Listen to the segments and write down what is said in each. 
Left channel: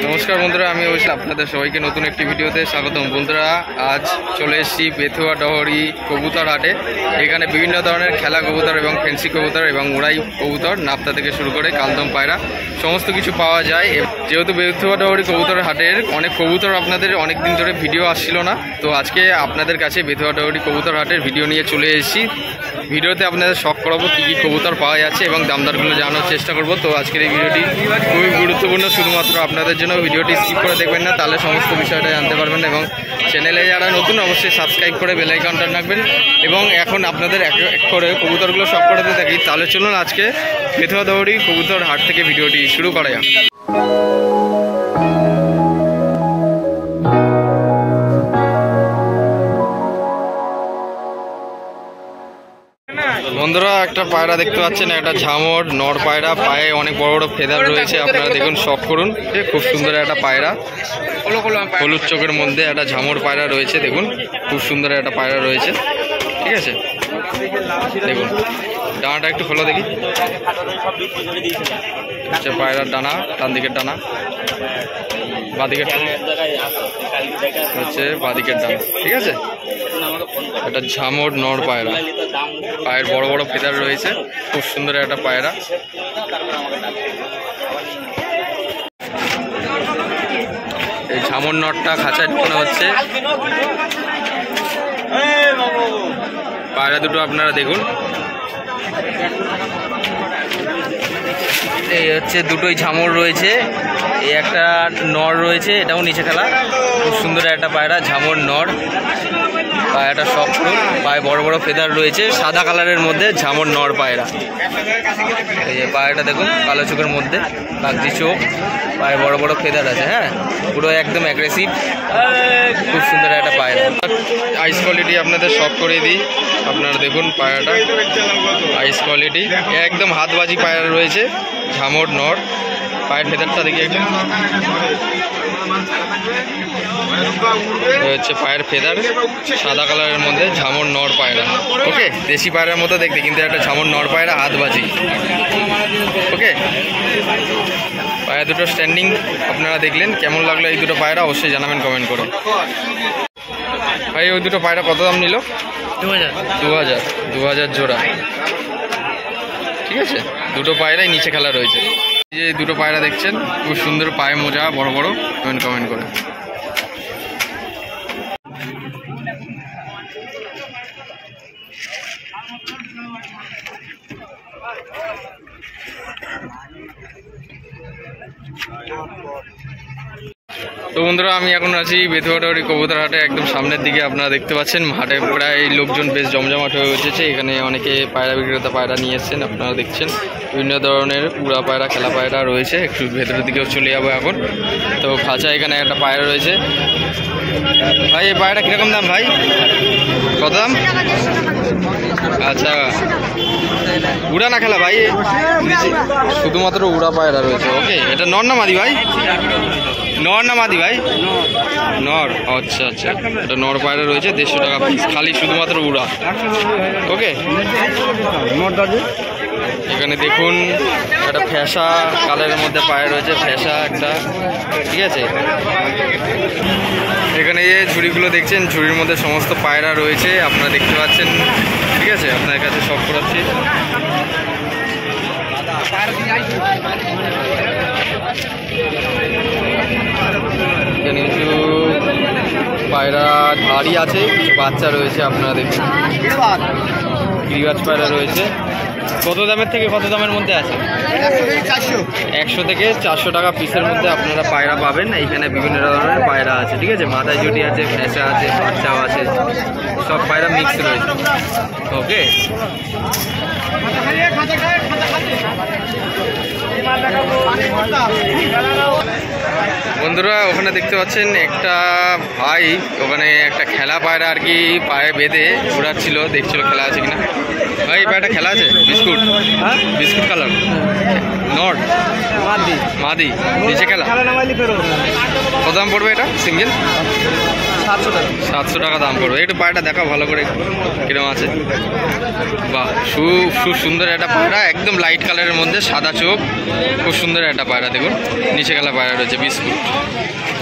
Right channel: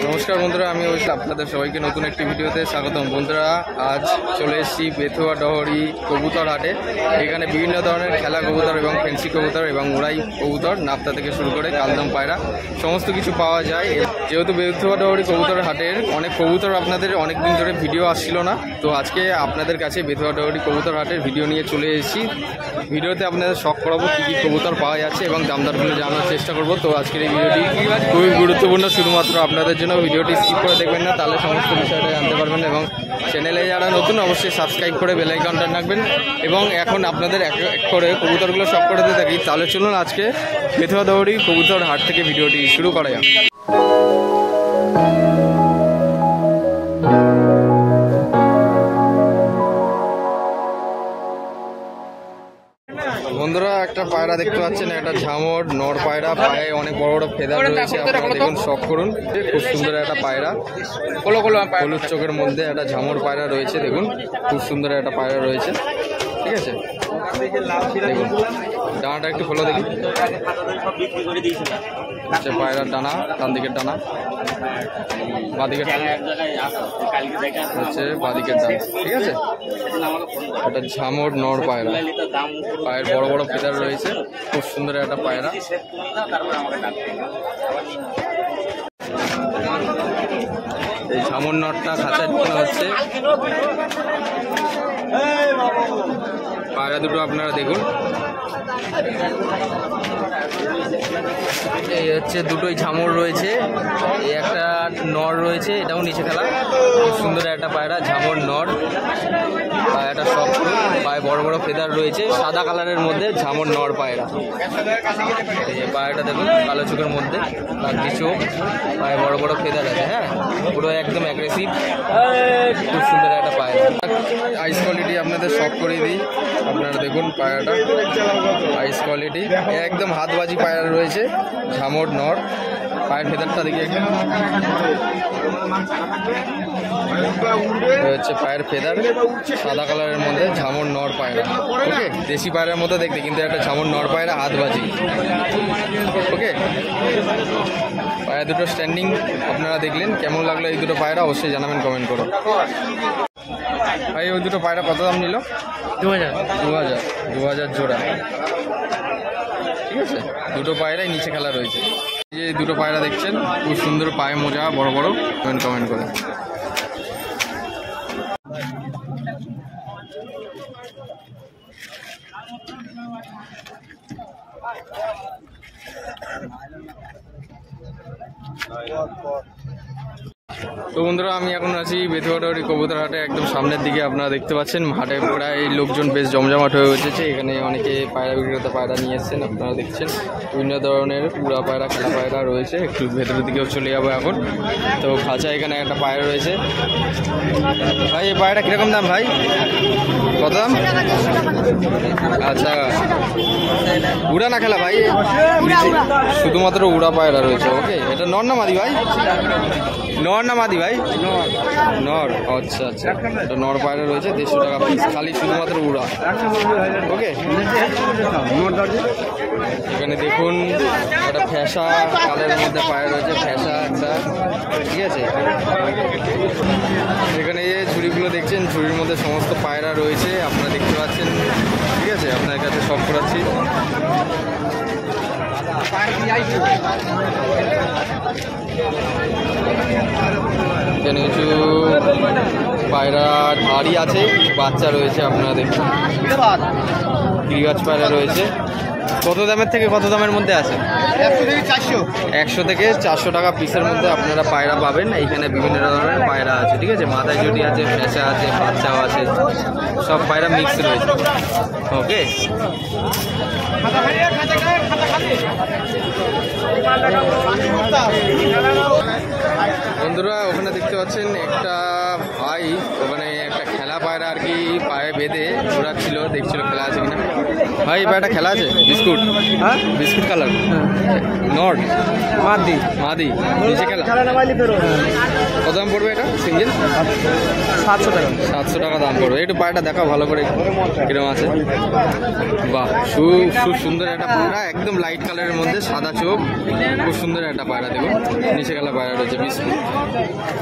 নমস্কার বন্ধুরা, আমি অবশ্যই আপনাদের সবাইকে নতুন একটি ভিডিওতে স্বাগতম। বন্ধুরা, আজ চলে এসেছি বেথুয়া ডহরি কবুতর হাটে। এখানে বিভিন্ন ধরনের খেলা কবুতর এবং ফেন্সি কবুতর এবং উড়াই কবুতর, নাপ্তা থেকে শুরু করে কালদম পায়রা সমস্ত কিছু পাওয়া যায়। যেহেতু বেথুয়া ডহরি কবুতর হাটের অনেক কবুতর আপনাদের অনেক দিন ধরে ভিডিও আসছিল না, তো আজকে আপনাদের কাছে বেথুয়া ডহরি কবুতর হাটের ভিডিও নিয়ে চলে এসেছি। ভিডিওতে আপনাদের শখ করাবো কী কী কবুতর পাওয়া যাচ্ছে এবং দামদারগুলো জানানোর চেষ্টা করব। তো আজকের এই ভিডিওটি খুবই গুরুত্বপূর্ণ, শুধুমাত্র আপনাদের জন্য। ভিডিওটি স্কিপ করে দেখবেন না, তাহলে সমস্ত বিষয়টা জানতে পারবেন। এবং চ্যানেলে যারা নতুন অবশ্যই সাবস্ক্রাইব করে বেল আইকনটা রাখবেন। এবং এখন আপনাদের এক এক করে কবুতরগুলো শখ করতে থাকি। তাহলে চলুন আজকে বেথুয়া ডহরি কবুতর হাট থেকে ভিডিওটি শুরু করা যাক। বন্ধুরা, একটা পায়রা দেখতে পাচ্ছেন, একটা ঝামর নর পায়রা, পায়ে অনেক বড় বড় ফেদার রয়েছে। আপনারা দেখুন, শখ করুন। খুব সুন্দর একটা পায়রা, হলুদ চোখের মধ্যে একটা ঝামর পায়রা রয়েছে। দেখুন, খুব সুন্দর একটা পায়রা রয়েছে। ঠিক আছে, দেখুন ডানাটা একটু খোলো দেখি। আচ্ছা, পায়রার ডানা, ডান দিকের ডানা, বাঁদিকের হচ্ছে বাঁদিকের ডানা। ঠিক আছে, একটা ঝামর নর পায়রা, পায়ের বড় বড় ফেদার রয়েছে। খুব সুন্দর একটা পায়রা। এই ঝামর নরটা খাঁচায় ঢোকানো হচ্ছে। পায়রা দুটো আপনারা দেখুন, এই হচ্ছে দুটোই ঝামর রয়েছে। এই একটা নর রয়েছে, এটাও নিচে খেলা। খুব সুন্দর একটা পায়রা, ঝামর নর। পায়রাটা শখ করুন, পায়ে বড় বড় ফেদার রয়েছে, সাদা কালারের মধ্যে ঝামর নর পায়রা। এই যে পায়রাটা দেখুন, কালো চোখের মধ্যে কাগজি চোখ, পায়ে বড় বড় ফেদার আছে। হ্যাঁ, পুরো একদম অ্যাগ্রেসিভ, খুব সুন্দর একটা পায়রা। আইস কোয়ালিটি আপনাদের শখ করে দিই। আপনারা দেখুন পায়রাটা, আইস কোয়ালিটি একদম হাতবাজি পায়রা রয়েছে, ঝামর নর। পায়ের ফেদারটা দেখি একদম, হচ্ছে পায়ের ফেদার সাদা কালারের মধ্যে, ঝামর নর পায়রা। ওকে, দেশি পায়রার মতো দেখতে, কিন্তু একটা ঝামর নর পায়রা, হাতবাজি। ওকে, পায়রা দুটো স্ট্যান্ডিং আপনারা দেখলেন। কেমন লাগলো এই দুটো পায়রা অবশ্যই জানাবেন কমেন্ট করে। ভাই, ওই দুটো পায়রা কত দাম নিল? 2000 জোড়া। ঠিক আছে, দুটো পায়রাই নিচে খেলা রয়েছে। এই যে দুটো পায়রা দেখছেন, খুব সুন্দর পায়ে মোজা বড় বড়। কমেন্ট করে। তো বন্ধুরা, আমি এখন আছি বেথুয়া ডহরি কবুতর হাটে, একদম সামনের দিকে। আপনারা দেখতে পাচ্ছেন হাটে প্রায় লোকজন বেশ জমজমাট হয়ে উঠেছে। এখানে অনেকে পায়রা বিক্রেতা পায়রা নিয়ে এসছেন। আপনারা দেখছেন বিভিন্ন ধরনের উড়া পায়রা, খেলা পায়রা রয়েছে। একটু ভেতরের দিকেও চলে যাবো এখন। তো খাঁচা এখানে একটা পায়রা রয়েছে। ভাই, এই পায়রাটা কীরকম দাম ভাই? কত দাম? আচ্ছা, উড়া না খেলা ভাই? শুধুমাত্র উড়া পায়রা রয়েছে। ওকে, এটা নর না মাদি ভাই? নর না মাদি ভাই? নর। আচ্ছা আচ্ছা, এটা নর পায়রা রয়েছে, 150 টাকা পিস, খালি শুধুমাত্র উড়া। ওকে, এখানে দেখুন একটা ফ্যাসা কালারের মধ্যে পায়রা রয়েছে, ফ্যাসা একটা। ঠিক আছে, এখানে যে ঝুড়িগুলো দেখছেন, ঝুড়ির মধ্যে সমস্ত পায়রা রয়েছে, আপনারা দেখতে পাচ্ছেন। ঠিক আছে, আপনার কাছে শখ করাচ্ছি। এখানে কিছু পায়রা ধাড়ি আছে, কিছু বাচ্চা রয়েছে। আপনারা দেখুন, গিরিবাজ পায়রা রয়েছে। কত দামের থেকে কত দামের মধ্যে আছে? 100 থেকে 400 টাকা পিসের মধ্যে আপনারা পায়রা পাবেন। এইখানে বিভিন্ন ধরনের পায়রা আছে। ঠিক আছে, মাথায় জুটি আছে, ফ্যাসা আছে, বাচ্চাও আছে, সব পায়রা মিক্স রয়েছে। ওকে, বন্ধুরা, ওখানে দেখতে পাচ্ছেন একটা ভাই, ওখানে একটা খেলা পায়রা আর কি পায়ে বেঁধে ঘোরাচ্ছিল, দেখছিল খেলা আছে কিনা। ভাই, এই পায়রাটা খেলা আছে? বিস্কুট, বিস্কুট কালার, নট মাদি, নিচে খেলা। কত দাম পড়বে এটা সিঙ্গেল? 700 টাকা দাম পড়বে। একটু পায়রাটা দেখাও ভালো করে কিরকম আছে। বাহ, খুব সুন্দর একটা পায়রা, একদম লাইট কালারের মধ্যে সাদা চোখ, খুব সুন্দর একটা পায়রা। দেখুন নিচে গেলা পায়রা রয়েছে, বিস্কুট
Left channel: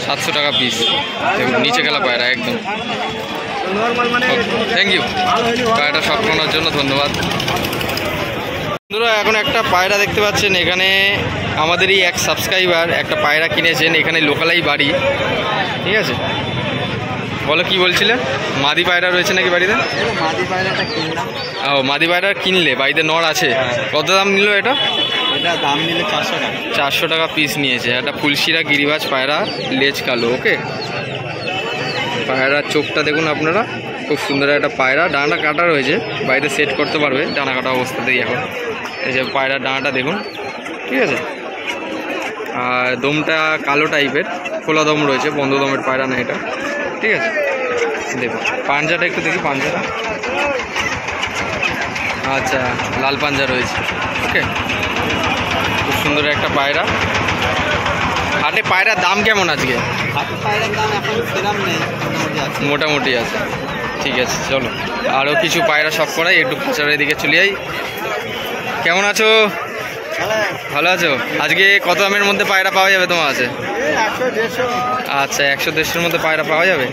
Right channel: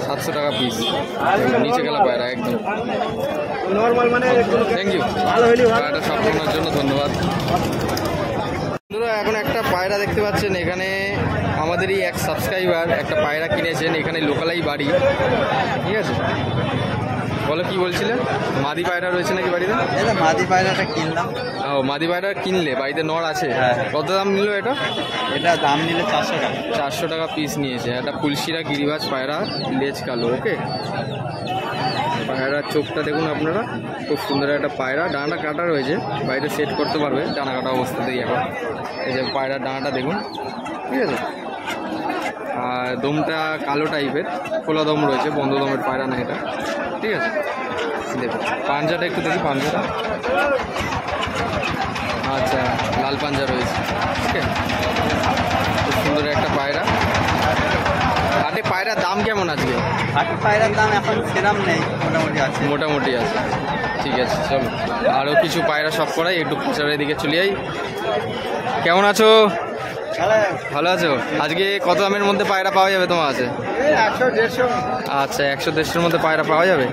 700 টাকা পিস। দেখুন নিচে গেলা পায়রা একদম। থ্যাংক ইউ পায়রাটা শখ করার জন্য, ধন্যবাদ। বন্ধুরা এখন একটা পায়রা দেখতে পাচ্ছেন, এখানে আমাদেরই এক সাবস্ক্রাইবার একটা পায়রা কিনেছেন, এখানে লোকালাই বাড়ি। ঠিক আছে, বলো কি বলছিলে? মাদি পায়রা রয়েছে নাকি বাড়িতে? মাদি পায়রাটা কিনলাম। ও, মাদি পায়রা কিনলে, বাড়িতে নর আছে? কত দাম নিল এটা? এটা দাম নিলে 400 টাকা। 400 টাকা পিস নিয়েছে। একটা ফুলশিরা গিরিবাজ পায়রা, লেজ কালো। ওকে, পায়রার চোখটা দেখুন আপনারা, খুব সুন্দর একটা পায়রা। ডানাটা কাটা রয়েছে, বাড়িতে সেট করতে পারবে ডানা কাটা অবস্থাতেই। এখন এই যে পায়রার ডানাটা দেখুন, ঠিক আছে। আর দমটা কালো টাইপের, খোলা দম রয়েছে, বন্ধ দমের পায়রা না এটা। ঠিক আছে, দেখুন পাঞ্জাটা একটু দেখি, পাঞ্জাটা আচ্ছা লাল পাঞ্জা রয়েছে। ওকে, খুব সুন্দর একটা পায়রা। হাটে পায়রার দাম কেমন আজকে? হাটে পায়রার দাম এখন সেরকম নেই, মোটামুটি আছে। ঠিক আছে, চলো আরও কিছু পায়রা সব করাই, একটু খাঁচারের দিকে চলে যাই। কেমন আছো? ভালো আছো? আজকে কত দামের মধ্যে পায়রা পাওয়া যাবে তোমার কাছে? আচ্ছা, 100-150-এর মধ্যে পায়রা পাওয়া যাবে।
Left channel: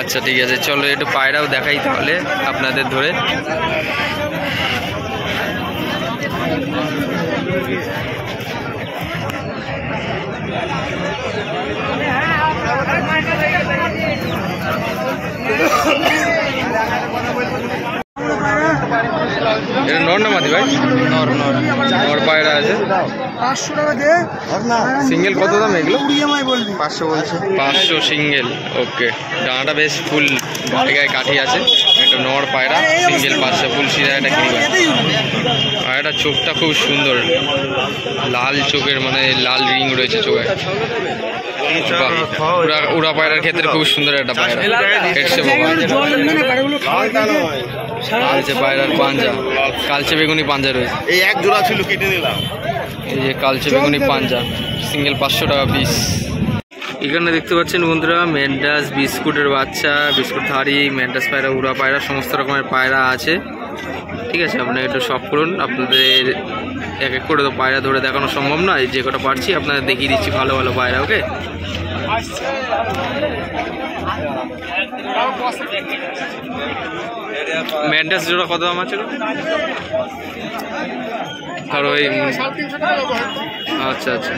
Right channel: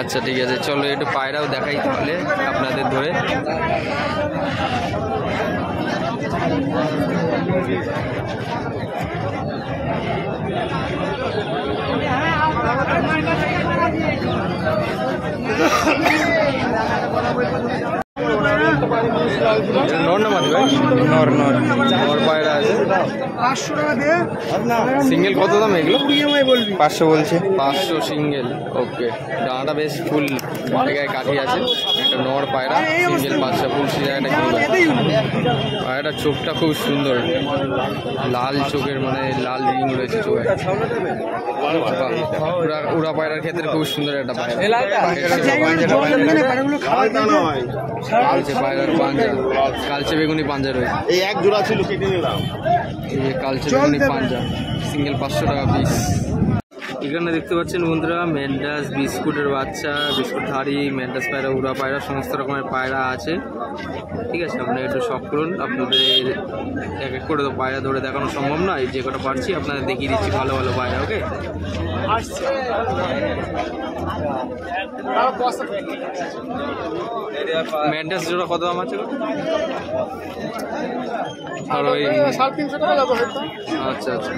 আচ্ছা ঠিক আছে, চলো একটু পায়রাও দেখাই তাহলে আপনাদের ধরে। এটা নর না মাদি ভাই? নর পায়রা আছে। 500 টাকা দে। সিঙ্গেল কত দাম এগুলো? 500 বলছে। 500 সিঙ্গেল। ওকে, ডানাটা বেশ ফুল গায়ে কাঠি আছে। একটা নর পায়রা, সিঙ্গেল 500, ফুল সিরা একটা কিনবা। পায়রাটা চোখটা খুব সুন্দর, লাল চোখের, মানে লাল রিং রয়েছে চোখে। উড়া পায়রার ক্ষেত্রে খুব সুন্দর একটা পায়রা। কালচে পায়রার পাঞ্জা, কালচে বেগুনি পাঞ্জা রয়েছে। এই এক জোড়া ছিল, কেটে নিলাম। এই যে কালচে বেগুনি পাঞ্জা, সিঙ্গেল 500 টাকা পিস। এখানে দেখতে পাচ্ছেন বন্ধুরা, ম্যান্ডাস, বিস্কুটের বাচ্চা, বিস্কুট থাড়ি, ম্যান্ডাস পায়রা, উড়া পায়রা, সমস্ত রকমের পায়রা আছে। ঠিক আছে, আপনারা একটু শখ করুন। আপনাদের এক এক করে তো পায়রা ধরে দেখানো সম্ভব নয়, যে কটা পারছি আপনাদের দেখিয়ে দিচ্ছি ভালো ভালো পায়রা। ওকে, ম্যান্ডাস জোড়া কত দাম আছে? ধরো এই, আচ্ছা আচ্ছা,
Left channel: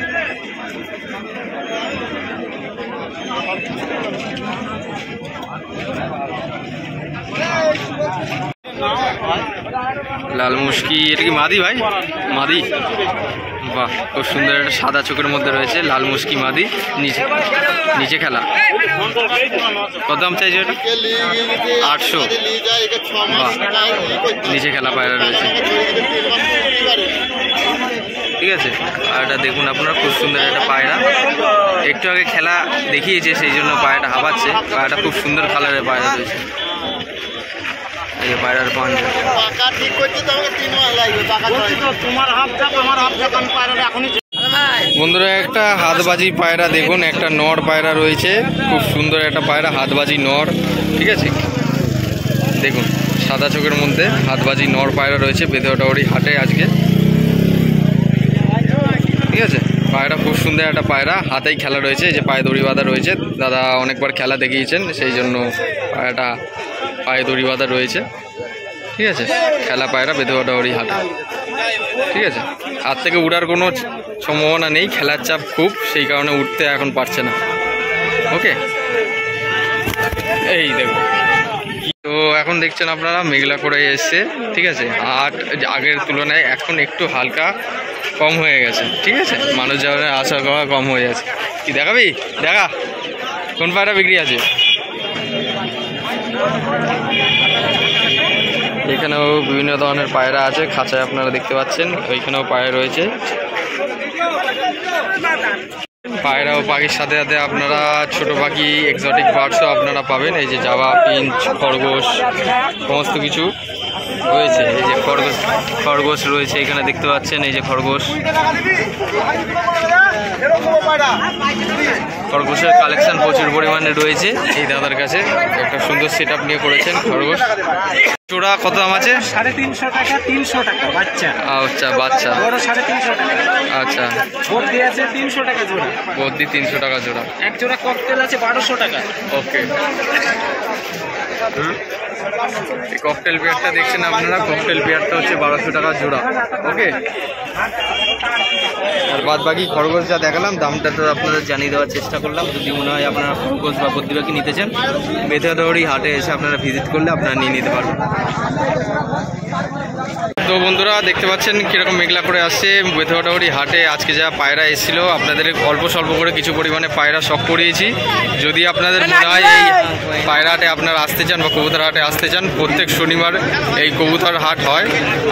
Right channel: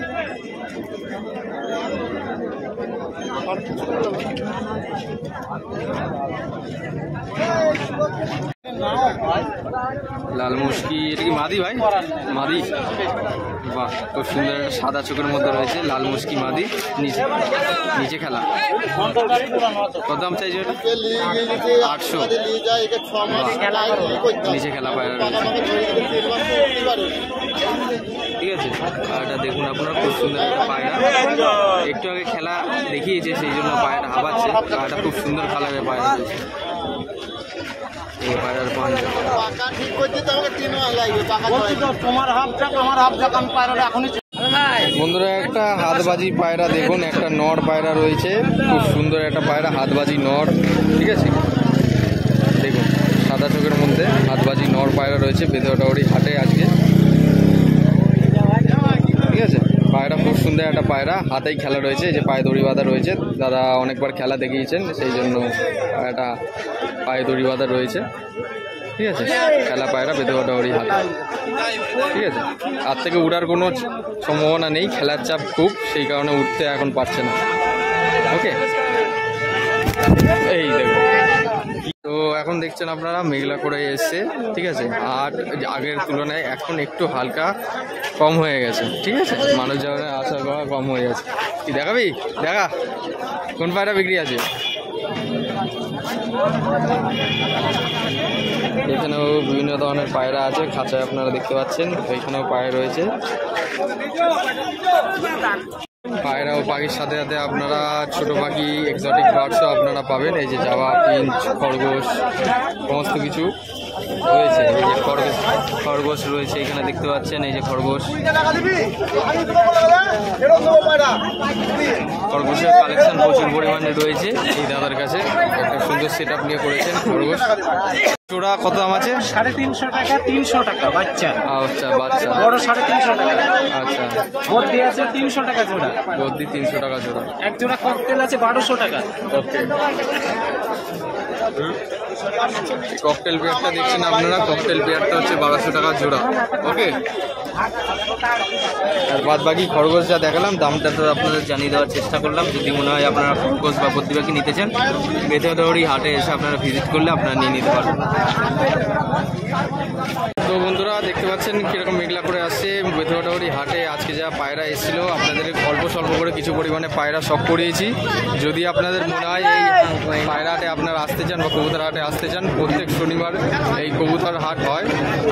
লাল মুশকি, এটা কি মাদি ভাই? মাদি, বাহ, খুব সুন্দর একটা সাদা চোখের মধ্যে রয়েছে, লাল মুশকি মাদি। নিচে নিচে খেলা, কত দাম চাইছে এটা? 800। বাহ, নিচে খেলা পায়রা রয়েছে। ঠিক আছে, আর এটা দেখুন আপনারা, খুব সুন্দর একটা পায়রা। একটু আগে খেলা দেখিয়েছে, সেই জন্য পায়রাটা হাবাচ্ছে। পায়রাটা খুব সুন্দর কালারের পায়রা রয়েছে। এই পায়রার পাঞ্জা, বন্ধুরা একটা হাতবাজি পায়রা দেখুন, একটা নর পায়রা রয়েছে, খুব সুন্দর একটা পায়রা, হাতবাজি নর। ঠিক আছে, দেখুন সাদা চোখের মধ্যে হাতবাজি নর পায়রা রয়েছে বেথুয়াডাহরি হাটে আজকে। ঠিক আছে, পায়রা খুব সুন্দর একটা পায়রা, হাতেই খেলা রয়েছে, যে পায়ে দড়ি বাঁধা রয়েছে। দাদা অনেকবার খেলা দেখিয়েছেন, সেই জন্য পায়রাটা পায়ে দড়ি বাঁধা রয়েছে। ঠিক আছে, খেলা পায়রা বেথুয়াডাহরি হাটে। ঠিক আছে, আর থেকে উড়ার কোনো সম্ভাবনা নেই, খেলার চাপ খুব, সেই কারণে উঠতে এখন পারছে না। ওকে, এই দেখুন, তো এখন দেখছেন আপনারা মেঘলা করে এসছে। ঠিক আছে, হাট আগের তুলনায় এখন একটু হালকা কম হয়ে গেছে। ঠিক আছে, মানুষ যাওয়ার আসা করা কম হয়ে গেছে। কি দেখাবি? দেখা, কোন পায়রা বিক্রি আছে? এখানেও বিভিন্ন ধরনের পায়রা আছে, খাঁচায় আপনারা দেখতে পাচ্ছেন। ওইখানেও পায়রা রয়েছে। পায়রা ও পাখির সাথে সাথে আপনারা ছোট পাখি, এক্সোটিক বার্ডসও আপনারা পাবেন। এই যে জাভা, পিঞ্চ, খরগোশ, সমস্ত কিছু রয়েছে। এই যে খরগোশ রয়েছে, এখানে দেখতে পাচ্ছেন, এই যে খরগোশ। খরগোশের কালেকশন প্রচুর পরিমাণে রয়েছে এই দাদার কাছে। একটা সুন্দর সেট আপ নিয়ে করেছেন খরগোশ। জোড়া কত দাম আছে? 350 টাকা, 300 টাকা বাচ্চা। আচ্ছা, বাচ্চা বড় 350 টাকা। আচ্ছা, বদ্দি আছে 300 টাকা জোড়া। বদ্দি 300 টাকা জোড়া। এক জোড়া ককটেল আছে 1200 টাকা। ওকে, এই ককটেল পেয়ারটা দেখছেন আপনারা, ককটেল পেয়ারটা হচ্ছে 1200 টাকা জোড়া। ওকে, আর বাদ বাকি খরগোশ যা দেখালাম দামটা তো আপনাদের জানিয়ে দেওয়ার চেষ্টা করলাম। যদি মনে হয় আপনারা খরগোশ বা বদ্দি পাখি নিতে চান, বেথুয়াডহরি হাটে এসে আপনারা ভিজিট করলে আপনারা নিয়ে নিতে পারবেন। তো বন্ধুরা দেখতে পাচ্ছেন কীরকম মেঘলা করে আসছে বেথুয়াডহরি হাটে। আজকে যা পায়রা এসেছিলো আপনাদের অল্প স্বল্প করে কিছু পরিমাণে পায়রা শখ করিয়েছি। যদি আপনাদের মনে হয় এই পায়রা হাটে আপনারা আসতে চান বা কবুতর হাটে আসতে চান, প্রত্যেক শনিবার এই কবুতর হাট হয়।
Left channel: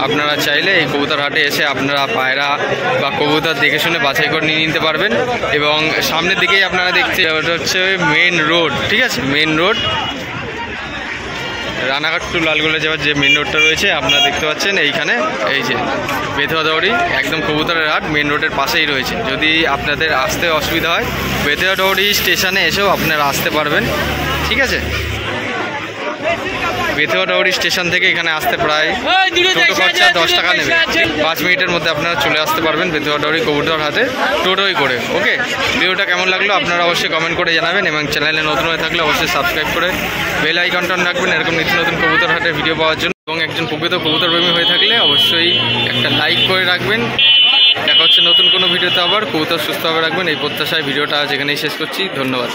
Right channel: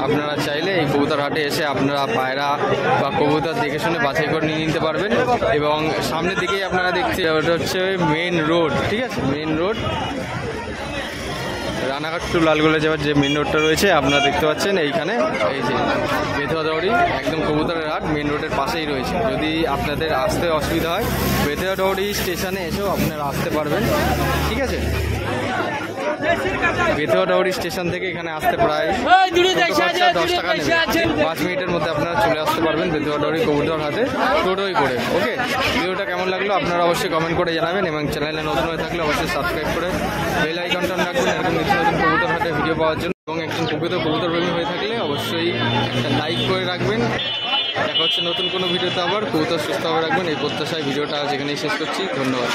আপনারা চাইলে এই কবুতর হাটে এসে আপনারা পায়রা বা কবুতর দেখে শুনে বাছাই করে নিয়ে নিতে পারবেন। এবং সামনের দিকেই আপনারা দেখতে, ওটা হচ্ছে মেন রোড, ঠিক আছে, main road Ranaghat to Lalgola যাওয়ার যে মেন রোডটা রয়েছে আপনারা দেখতে পাচ্ছেন। এইখানে এই যে বেথুয়াডহরি একদম কবুতরের হাট মেন রোডের পাশেই রয়েছে। যদি আপনাদের আসতে অসুবিধা হয় বেথুয়াডহরি স্টেশনে এসেও আপনারা আসতে পারবেন, ঠিক আছে। বেথুয়াডহরি স্টেশন থেকে এখানে আসতে প্রায় টোটো খরচা 10 টাকা নেবে। 5 মিনিটের মধ্যে আপনারা চলে আসতে পারবেন বেথুয়াডহরি কবুতর হাতে টোটোই করে। ওকে, ভিডিওটা কেমন লাগলো আপনারা অবশ্যই কমেন্ট করে জানাবেন এবং চ্যানেলে নতুন হয়ে থাকলে অবশ্যই সাবস্ক্রাইব করে বেল আইকনটা অন রাখবেন এরকম নিত্য নতুন কবুতর হাটের ভিডিও পাওয়ার জন্য। এবং একজন প্রকৃত কবুতর প্রেমী হয়ে থাকলে অবশ্যই একটা লাইক করে রাখবেন। দেখা হচ্ছে নতুন কোনো ভিডিওতে, আবার কবুতর সুস্থভাবে রাখবেন এই প্রত্যাশায় ভিডিওটা আজ এখানেই শেষ করছি। ধন্যবাদ।